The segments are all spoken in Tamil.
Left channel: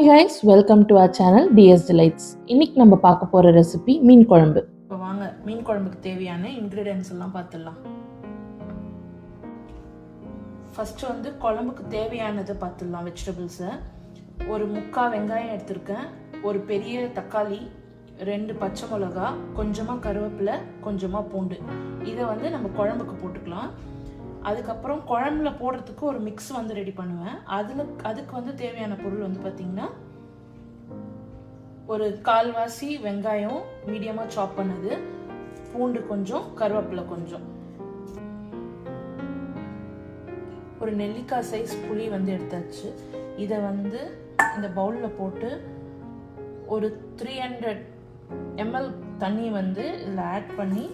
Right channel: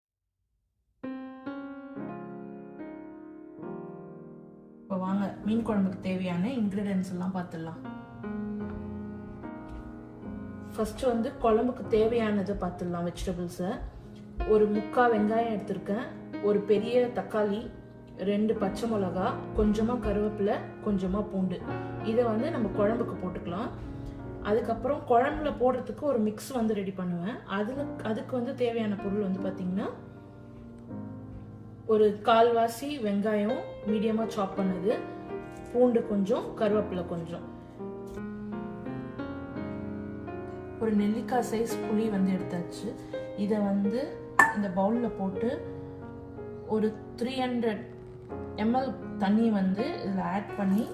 Hi guys, welcome to our channel DS Delights. இன்னைக்கு நம்ம பார்க்க போற ரெசிபி மீன் குழம்பு. இப்போ வாங்க மீன் குழம்புக்கு தேவையான இன்கிரீடியன்ஸ் எல்லாம் பார்த்துடலாம். ஃபர்ஸ்ட் வந்து குழம்புக்கு தேவையானது பார்த்துடலாம். வெஜிடபிள்ஸை ஒரு 3/4 வெங்காயம் எடுத்திருக்கேன், ஒரு பெரிய தக்காளி, 2 பச்சை மிளகா, கொஞ்சமாக கருவேப்பிலை, கொஞ்சமாக பூண்டு. இதை வந்து நம்ம குழம்புக்கு போட்டுக்கலாம். அதுக்கப்புறம் குழம்புல போடுறதுக்கு ஒரு மிக்ஸ் வந்து ரெடி பண்ணுவேன். அதுக்கு வந்து தேவையான பொருள் வந்து பார்த்தீங்கன்னா ஒரு 1/4 வெங்காயம் மீடியமாக சாப் பண்ணது, பூண்டு கொஞ்சம், கருவேப்பிலை கொஞ்சம், ஒரு நெல்லிக்காய் சைஸ் புளி வந்து எடுத்தாச்சு. இதை வந்து இந்த பவுலில் போட்டு ஒரு 300 ml தண்ணி வந்து இதில் ஆட் பண்ணி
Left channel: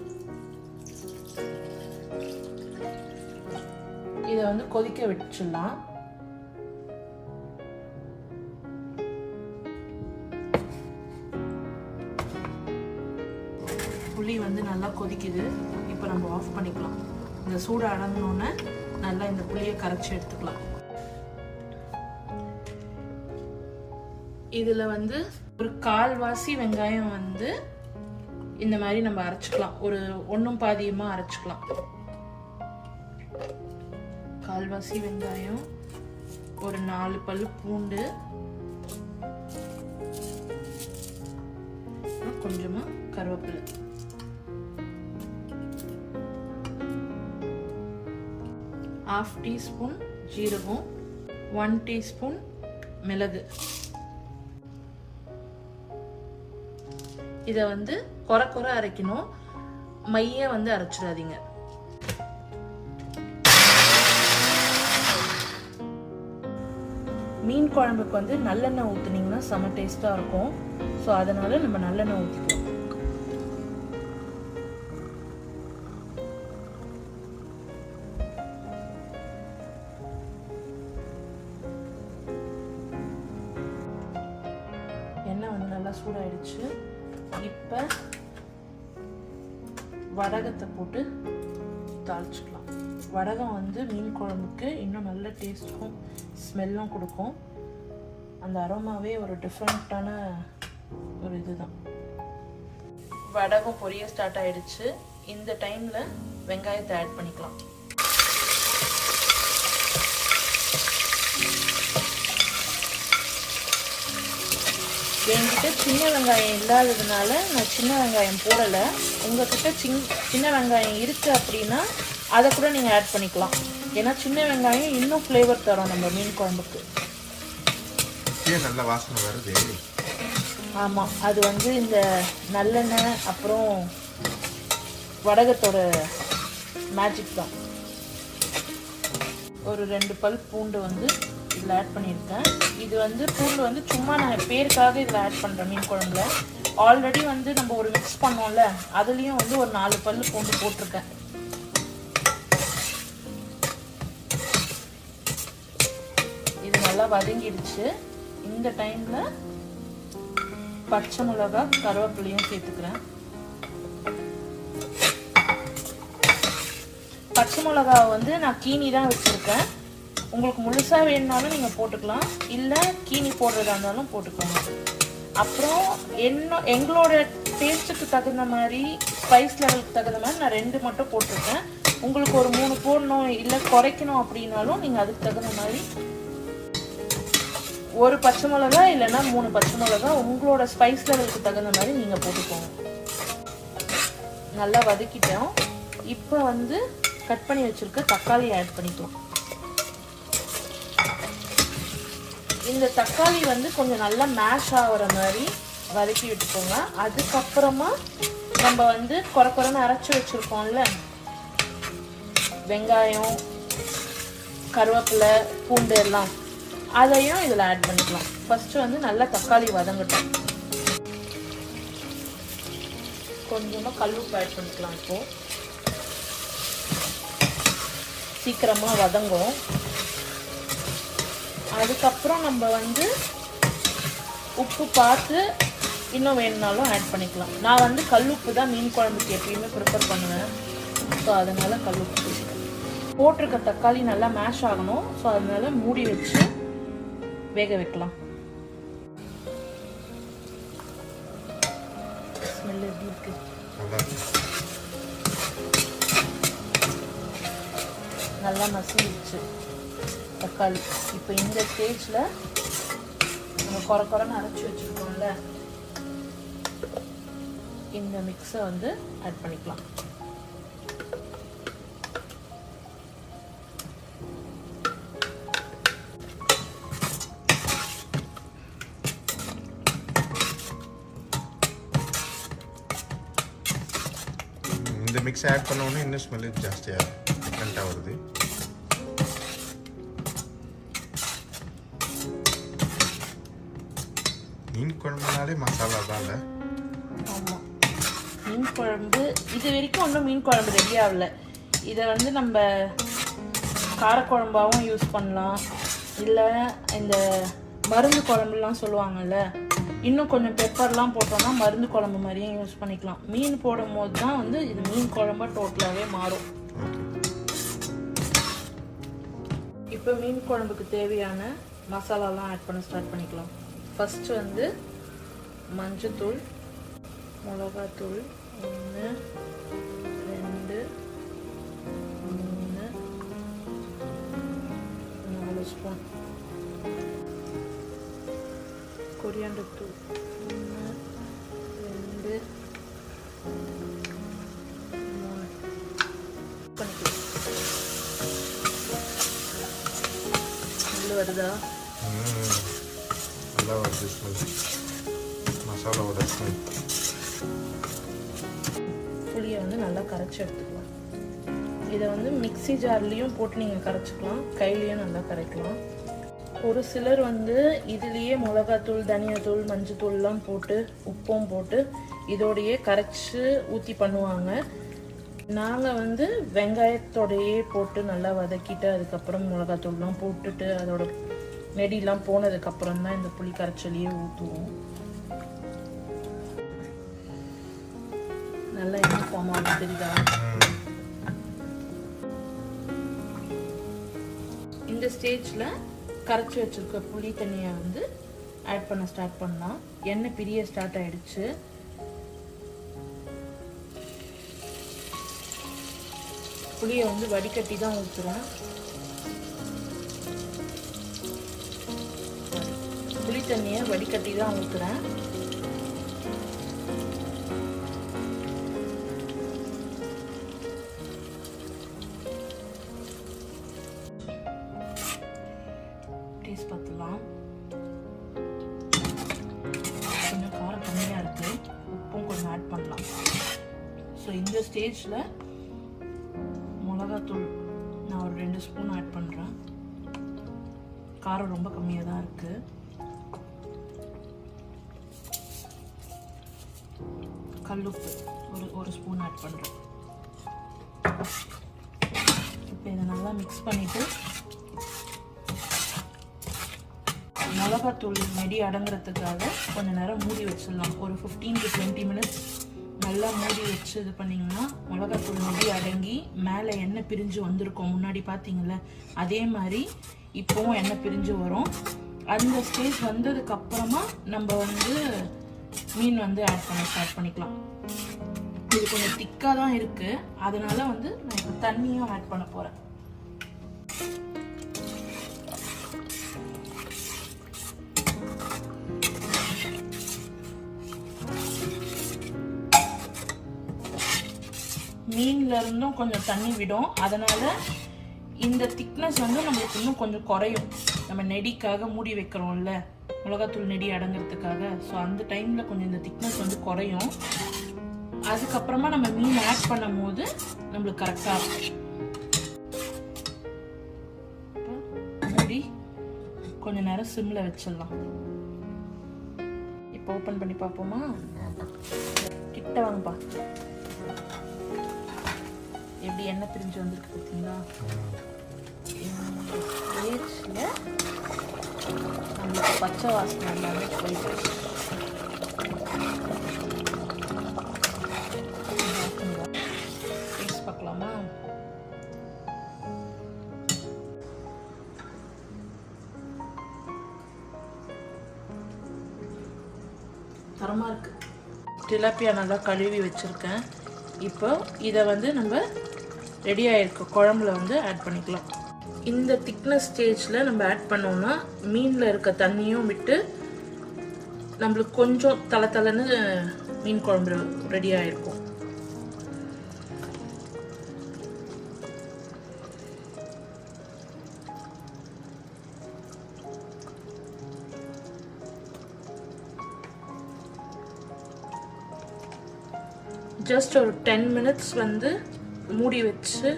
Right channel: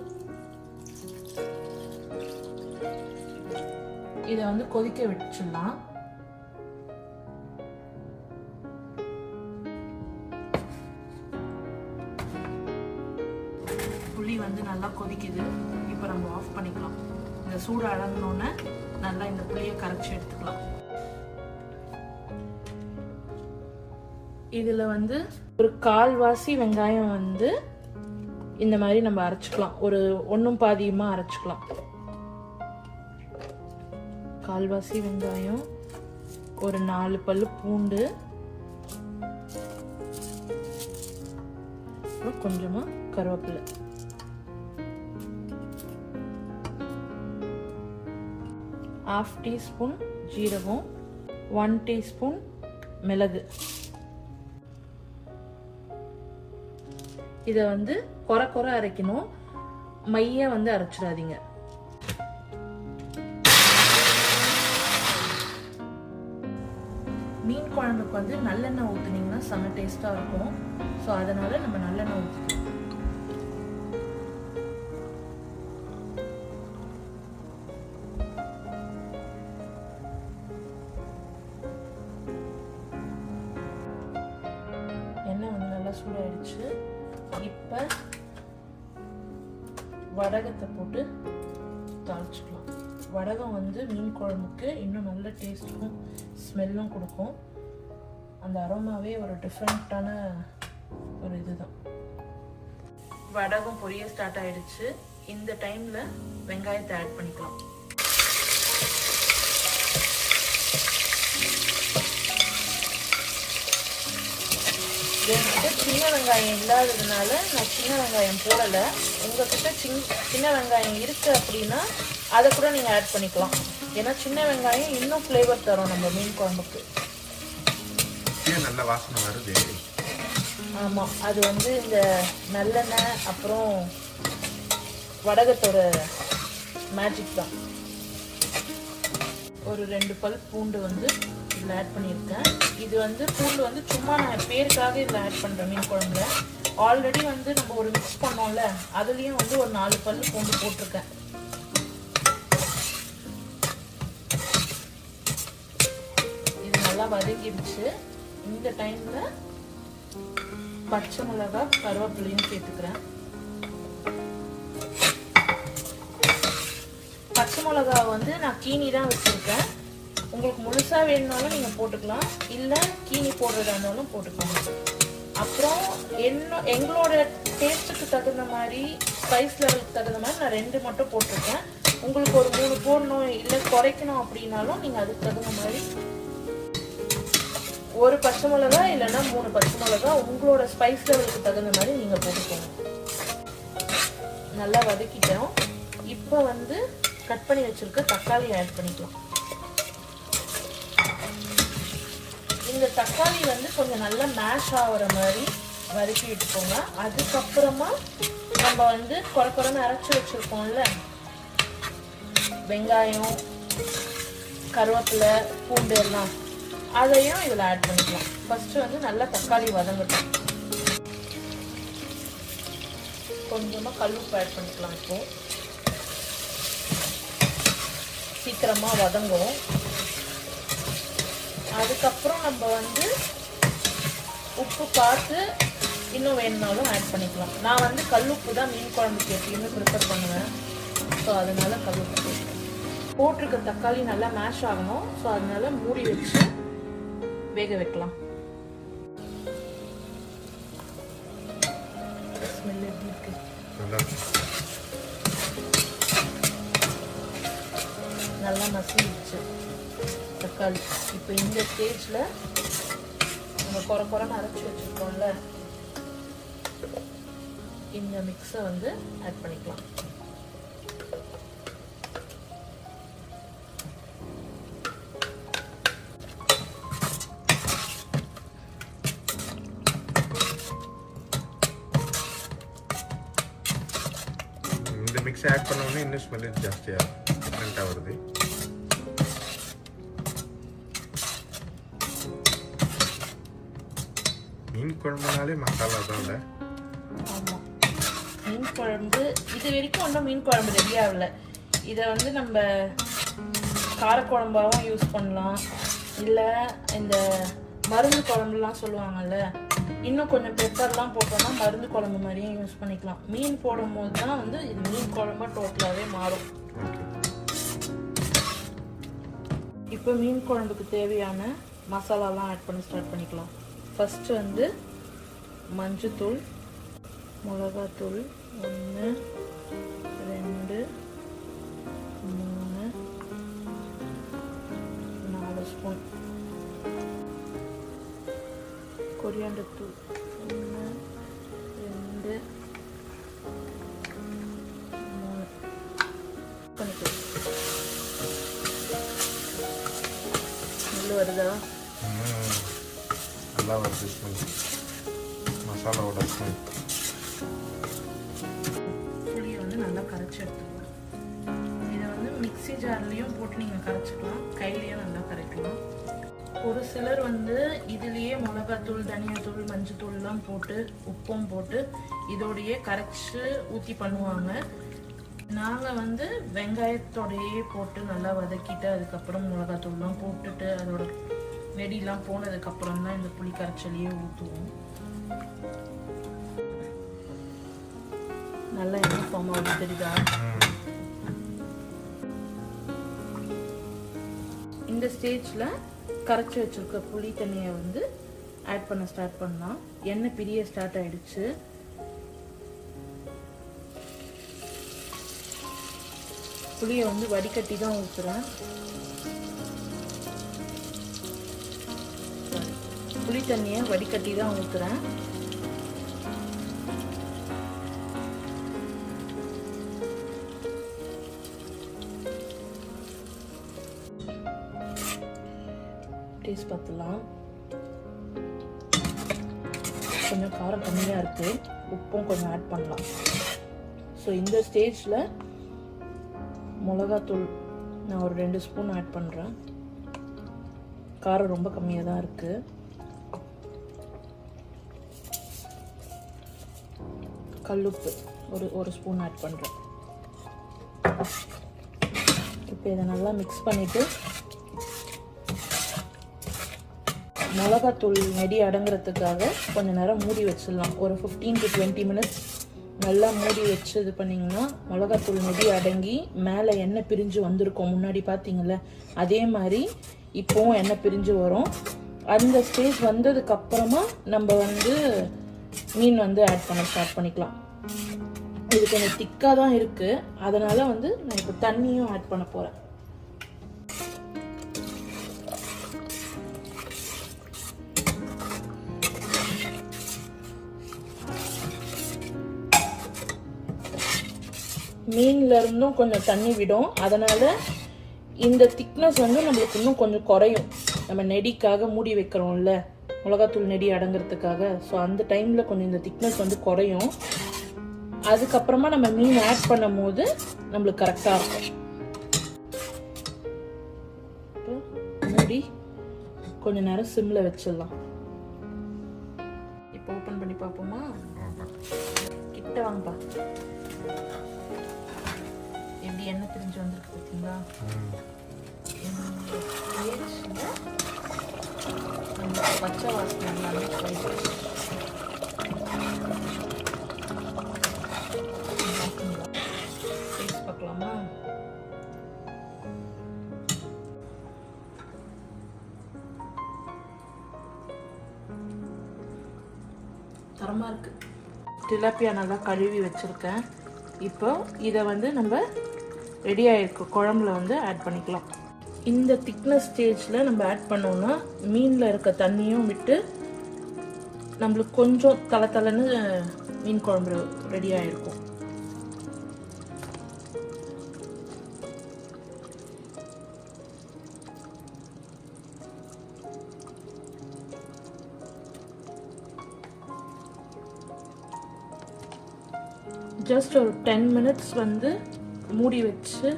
இதை வந்து கொதிக்க வச்சிடலாம். புளி வந்து நல்லா கொதிக்குது. இப்போ நம்ம ஆஃப் பண்ணிக்கலாம். இந்த சூடு அடங்கினோன்னே நல்லா இந்த புளியை கரைச்சி எடுத்துக்கலாம். இதில் வந்து ஒரு 1/4 வெங்காயம் வந்து இந்த மாதிரி நம்ம அரைச்சிக்கலாம். ஒரு 1 பாதியமாக அரைச்சிக்கலாம். 1/4 வெங்காயம், ஒரு 4 பல்லு பூண்டு, கொஞ்சமா கருவேப்பிலை, ½ டீஸ்பூன் ஜீரகம், 1 டீஸ்பூன் மிளகு. இதை வந்து கொர அரைக்கணும், மைய வந்து அரைச்சிடாதீங்க. மீன் குழம்புக்கு வந்து நல்லெண்ணெய் ஊற்றுனீங்கன்னா செம்ம டேஸ்ட்டாக இருக்கும். ஸோ அதனால நம்ம நல்லெண்ணெய் ஊற்றிக்கலாம். எண்ணெய் வந்து நல்லா சூடாயிடுச்சு. இப்போ வடகத்தை போட்டு தாளிச்சுக்கலாம். வடகம் வந்து மீன் குழம்புக்கு இன்னும் நல்ல டேஸ்ட்டும் ஸ்மெல்லும் கொடுக்கும். அந்த அரோமாவே ஒரு டிஃப்ரெண்ட்டான ஒரு இதுதான். வடகம் பொரிய ஸ்டார்ட் ஆயிடுச்சு. இந்த டைம்ல வெங்காயத்தை ஆட் பண்ணிக்கலாம். என்கிட்ட சின்ன வெங்காயம் இல்லாததுனால நான் சின்ன வெங்காயம் போடலை. உங்ககிட்ட சின்ன வெங்காயம் இருக்கு அப்படின்னா அதை கூட நீங்கள் ஆட் பண்ணிக்கலாம். ஏன்னா சின்ன வெங்காயம் இன்னும் ஃப்ளேவர் தரும் நம்ம மீன் குழம்புக்கு. ஆமாம், அது வந்து இந்த நல்லெண்ணெய் அப்புறம் வடகத்தோட மேஜிக் தான். ஒரு 2 பல் பூண்டு வந்து இதில் ஆட் பண்ணியிருக்கேன். இது வந்து பூண்டு வந்து சும்மா நாங்கள் பேருக்காக இதில் ஆட் பண்ணுறோம். மீன் குழம்புல ஆல்ரெடி வந்து நம்ம ஒரு மிக்ஸ் பண்ணோம்ல, அதுலேயும் வந்து ஒரு 4 பல் பூண்டு போட்டிருக்கேன். இது நல்லா வதங்கிடுச்சு. இந்த டைம்ல பச்சை மிளகா, கருவேப்பிலையும் சேர்த்துக்கிறேன். பச்சை மிளகா வந்து நான் கீனி தான் வச்சிருக்கேன். உங்களுக்கு முழுசா வேணுனாலும் நீங்க போட்டுக்கலாம், இல்லை கீனி போடுறதா இருந்தாலும் போட்டுக்கலாம். அப்புறம் எங்களோட டேஸ்ட்டுக்கு தகுந்த மாதிரி, ஸ்பைஸ் லெவலுக்கு தகுந்த மாதிரி நான் 2 மட்டும் போட்டிருக்கேன். உங்களுக்கு ஒரு 3 போடணும் இல்லை குறைக்கணும் அப்படின்னாலும் நீங்கள் அதுக்கு தகுந்த மாதிரி ஒரு பச்சை மிளகா இல்லைன்னா 3 பச்சை மிளகா உங்களோட ஸ்பைஸ் லெவலுக்கு தகுந்த மாதிரி நீங்கள் போட்டுக்கோங்க. நல்லா வதக்கிட்டோம். இப்போ வந்து கட் பண்ணி வச்சிருக்க தக்காளி ஆட் பண்ணிக்கலாம். இந்த தக்காளி வந்து கொஞ்சம் நல்லா மேஷ் ஆகிற மாதிரி வதக்கி விட்டுக்கோங்க. அதுக்கப்புறமா நம்ம வந்து குறைன்னு அரைச்சி வச்சிருக்கோம்ல வெங்காயம், கருவேப்பிலை, பூண்டு எல்லாம், அதையும் இதில் ஆட் பண்ணிக்கலாம். ஃபர்ஸ்ட் வந்து நல்லா தக்காளி வதங்கட்டும். கொஞ்சமாக கல்லுப்பு ஆட் பண்ணிக்கலாம். இப்போ சீக்கிரமா வதங்கும். அதுக்கப்புறம் நம்ம வந்து உப்பு பார்த்து இன்னும் வேணும்னாலும் ஆட் பண்ணிக்கலாம். நான் வந்து கல்லுப்பு தான் மீன் குழம்புக்கு எப்பயுமே ப்ரிப்பேர் பண்ணுவேன். ஸோ அதனால கல்லுப்பு போட்டிருக்க தக்காளி நல்லா மேஷ் ஆகணும். ஸோ அதனால மூடி வச்சு வேக வைக்கலாம். எப்படி இருக்கு? நல்லா மசிச்சு தக்காளி. இப்போ இந்த ஸ்டேஜில் நம்ம குறைன்னு அரைச்சி வச்சுருக்கோம்ல, இந்த மிக்ஸை வந்து ஆட் பண்ணிக்கலாம். இந்த மிக்ஸ் ஆட் பண்ண உடனே இன்னும் ஸ்மெல் ஜாஸ்தியாக வருது. மீன் குழம்புனாலே மசாலா தான். ஆமாம், மீன் குழம்பு இது வரைக்கும் ஒன்றும் மீன் குழம்பு ரெடி ஆகலை. இதை வந்து நம்ம காரக்குழம்பாகவும் யூஸ் பண்ணலாம், இல்லை இந்த மருந்து குழம்புலாம் சொல்லுவாங்கள்ல, இன்னும் கொஞ்சம் பெப்பர்லாம் போட்டோம்னா மருந்து குழம்பு மாதிரியும் யூஸ் பண்ணிக்கலாம். மீன் போடும் போது தான் வந்து இது மீன் குழம்பா டோட்டலாகவே மாறும். இப்போ மீன் குழம்புக்கு தேவையான மசாலாலாம் ஆட் பண்ண ஸ்டார்ட் பண்ணிக்கலாம். ஃபஸ்ட்டு வந்து மஞ்சத்தூள், மிளகாத்தூள் 1 2 3 4 ஸ்பூன், கொரியாண்டர் தூள் 1 2 3 வருதா? நல்லா வருது ஸ்மெல், மசாலாவோட ஸ்மெல். புளியை வந்து நல்லா கரைச்சி எடுத்துக்கலாம். இதை வந்து மிக்ஸி ஜார்லேயும் போட்டு நீங்கள் கரைச்சிக்கலாம், கையிலையும் நல்லா கரைக்கலாம். ஒரு சிலர் வந்து இதுலேயே மிளகாத்தூள், தனியாத்தூள், மஞ்சத்தூள்லாம் போட்டு உப்பும் போட்டு இதோடையே கரைச்சி ஊற்றி பண்ணுவாங்க. நாங்கள் வந்து வெங்காயத்தோடையே போட்டு நல்லா வதக்கிட்டு அதுக்கப்புறம் மிளகாத்தூள்லாம் போட்டுட்டு அதோட நெடிலாம் போனதுக்கப்புறம் தான் இந்த புளி கரைச்சலையே ஊற்றுவோம். நல்லா யூனிஃபார்ம் ஆகுது தெரியுதா? இந்த ஸ்டேஜில் கரைச்சி வச்சிருக்க புளி தண்ணியை வந்து ஆட் பண்ண ஸ்டார்ட் பண்ணலாம். எண்ணெய் பிரிய ஸ்டார்ட் ஆயிடுச்சு. புளியை வந்து வடிகட்டி தான் ஊற்றுறோம். புளி தண்ணியை வடிகட்டி தான் ஊற்றுறேன். டேஸ்ட் பார்த்துலாம். கொஞ்சம் காரம் கம்மியாக இருக்குது, உப்பும் கொஞ்சம் ஆட் பண்ணலாம். ஸோ இந்த ஸ்டேஜில் மிளகாத்தூள் நான் ஒரு 2 ஸ்பூன் ஆட் பண்ணுறேன். காரம் ரொம்ப கம்மியாக தான் இருக்குது. கல்லுப்பு ஒரு ஸ்பூன் ஆட் பண்ணுறேன். இப்போ இதை நல்லா மிக்ஸ் பண்ணிவிட்டு மிளகாத்தூள் நெடி அடங்குறதுக்காக கொஞ்சம் நேரம் மூடி வச்சிடலாம். ஒரு 15 to 20 மினிட்ஸ் நல்லா மூடி வச்சு இது பண்ணிங்கன்னா மிளகாத்தூள் நெடி அடங்கி மேலே எண்ணெய் பிரிஞ்சு வந்திருக்கும். முன்னாடி பார்த்தீங்கள்ல, அதே மாதிரி இப்போவும் எண்ணெய் பிரிஞ்சு வரும். அந்த ஸ்டேஜ் வந்ததுக்கப்புறமா நம்ம வந்து மீன் வந்து ஆட் பண்ண ஸ்டார்ட் பண்ணிக்கலாம். இது கொஞ்சம் திக்காக தான் இருக்குது, அதனால் வந்து நான் இப்போ தண்ணியும் ஆட் பண்ண போகிறேன். மீன்ல இருந்தும் கொஞ்சம் தண்ணி விடும், அதனால இந்த திக்னஸ் வந்து நம்மளுக்கு இன்னும் கொஞ்சம் குறையும். நம்ம நெடிக்காக மூடி வைக்கிறோம்ல, மிளகாத்தூள் நெடி அடங்குறதுக்காக. ஸோ அந்த டைமில் கொஞ்சம் இந்த திக்னஸ் வந்து குறையும். அதுக்கப்புறமா நம்ம மீன் ஆட் பண்ணும் போது நம்மளுக்கு கரெக்டாக இருக்கும். மூடி கொஞ்ச நேரம் சிம்ல வச்சிடலாம். இப்போ ஓப்பன் பண்ணி பார்ப்போமா? கிட்ட வாங்கப்பா. எப்படி எண்ணெய் பிரிஞ்சு வந்துருக்கு பார்த்தீங்களா? நம்மளுக்கு பச்சை வாசனை எல்லாமே போயிடுச்சு. டேஸ்ட் பார்க்கலாமா? தரமா இருக்கு. டிலாப்பியா நல்லா கழுவி வச்சுருக்கேன். இப்போ இதை வந்து நம்ம ரெடியாக இருக்க குழம்புல வந்து ஆட் பண்ணிக்கலாம். இந்த திக்னஸ் ஸ்டேஜில் நம்ம ஆட் பண்ணோன்னா மீனில் இருக்க தண்ணியும் விட்டு நம்மளுக்கு கொஞ்சம் தளன்னு மீன் குழம்பு ரெடியாக இருக்கும். ஜஸ்ட் ஒரு 10 minutes வந்து மூடி வச்சு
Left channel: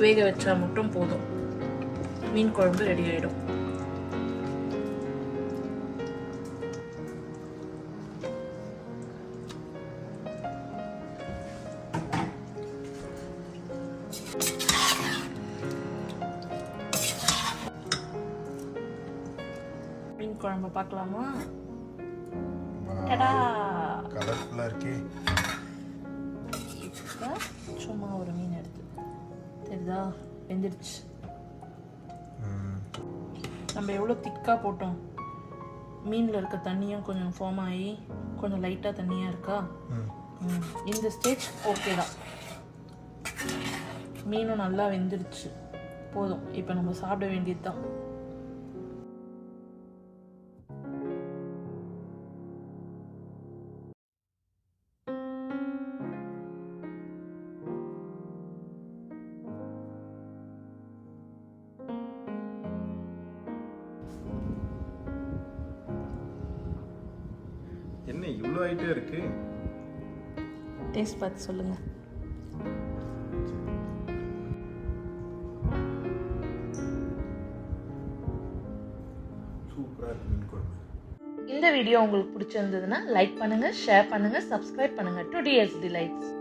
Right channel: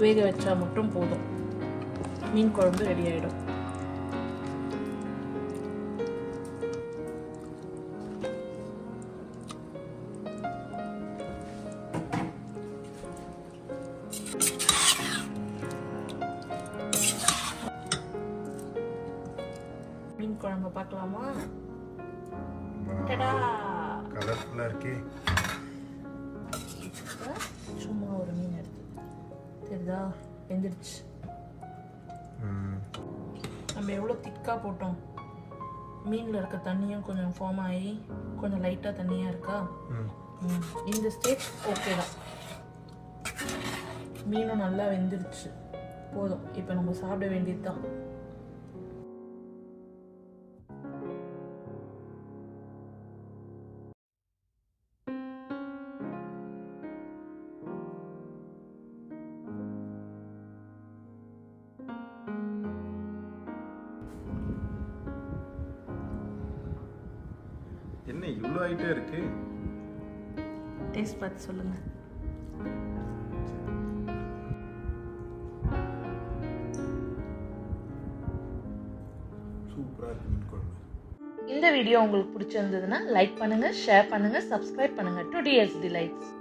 வேக வச்சா மட்டும் போதும், மீன் குழம்பு ரெடி ஆயிடும். மீன் குழம்பு பார்க்கலாமா? டடா, கலர்ஃபுல்லா இருக்கே. சும்மா ஒரு மீன் எடுத்து தெரியுதா, வெந்துடுச்சு. நம்ம எவ்வளோ திக்காக போட்டோம், மீனில் இருக்க தண்ணியும் கொஞ்சம் ஃபார்ம் ஆகி கொஞ்சம் லைட்டாக தண்ணியாக இருக்கா. இந்த ஸ்டேஜ் ஓகே தான், மீனும் நல்லா வெந்துடுச்சு, போதும். இப்போ நம்ம சாப்பிட வேண்டியது தான். என்ன இவ்வளோ ஐட்டே இருக்கு? டேஸ்ட் பார்த்து சொல்லுங்க. சூப்பரா இருக்கு மீன் குழம்பு. இந்த வீடியோ உங்களுக்கு பிடிச்சிருந்ததுன்னா லைக் பண்ணுங்க, ஷேர் பண்ணுங்க, சப்ஸ்கிரைப் பண்ணுங்க டு டிஎஸ் டிலைட்ஸ்.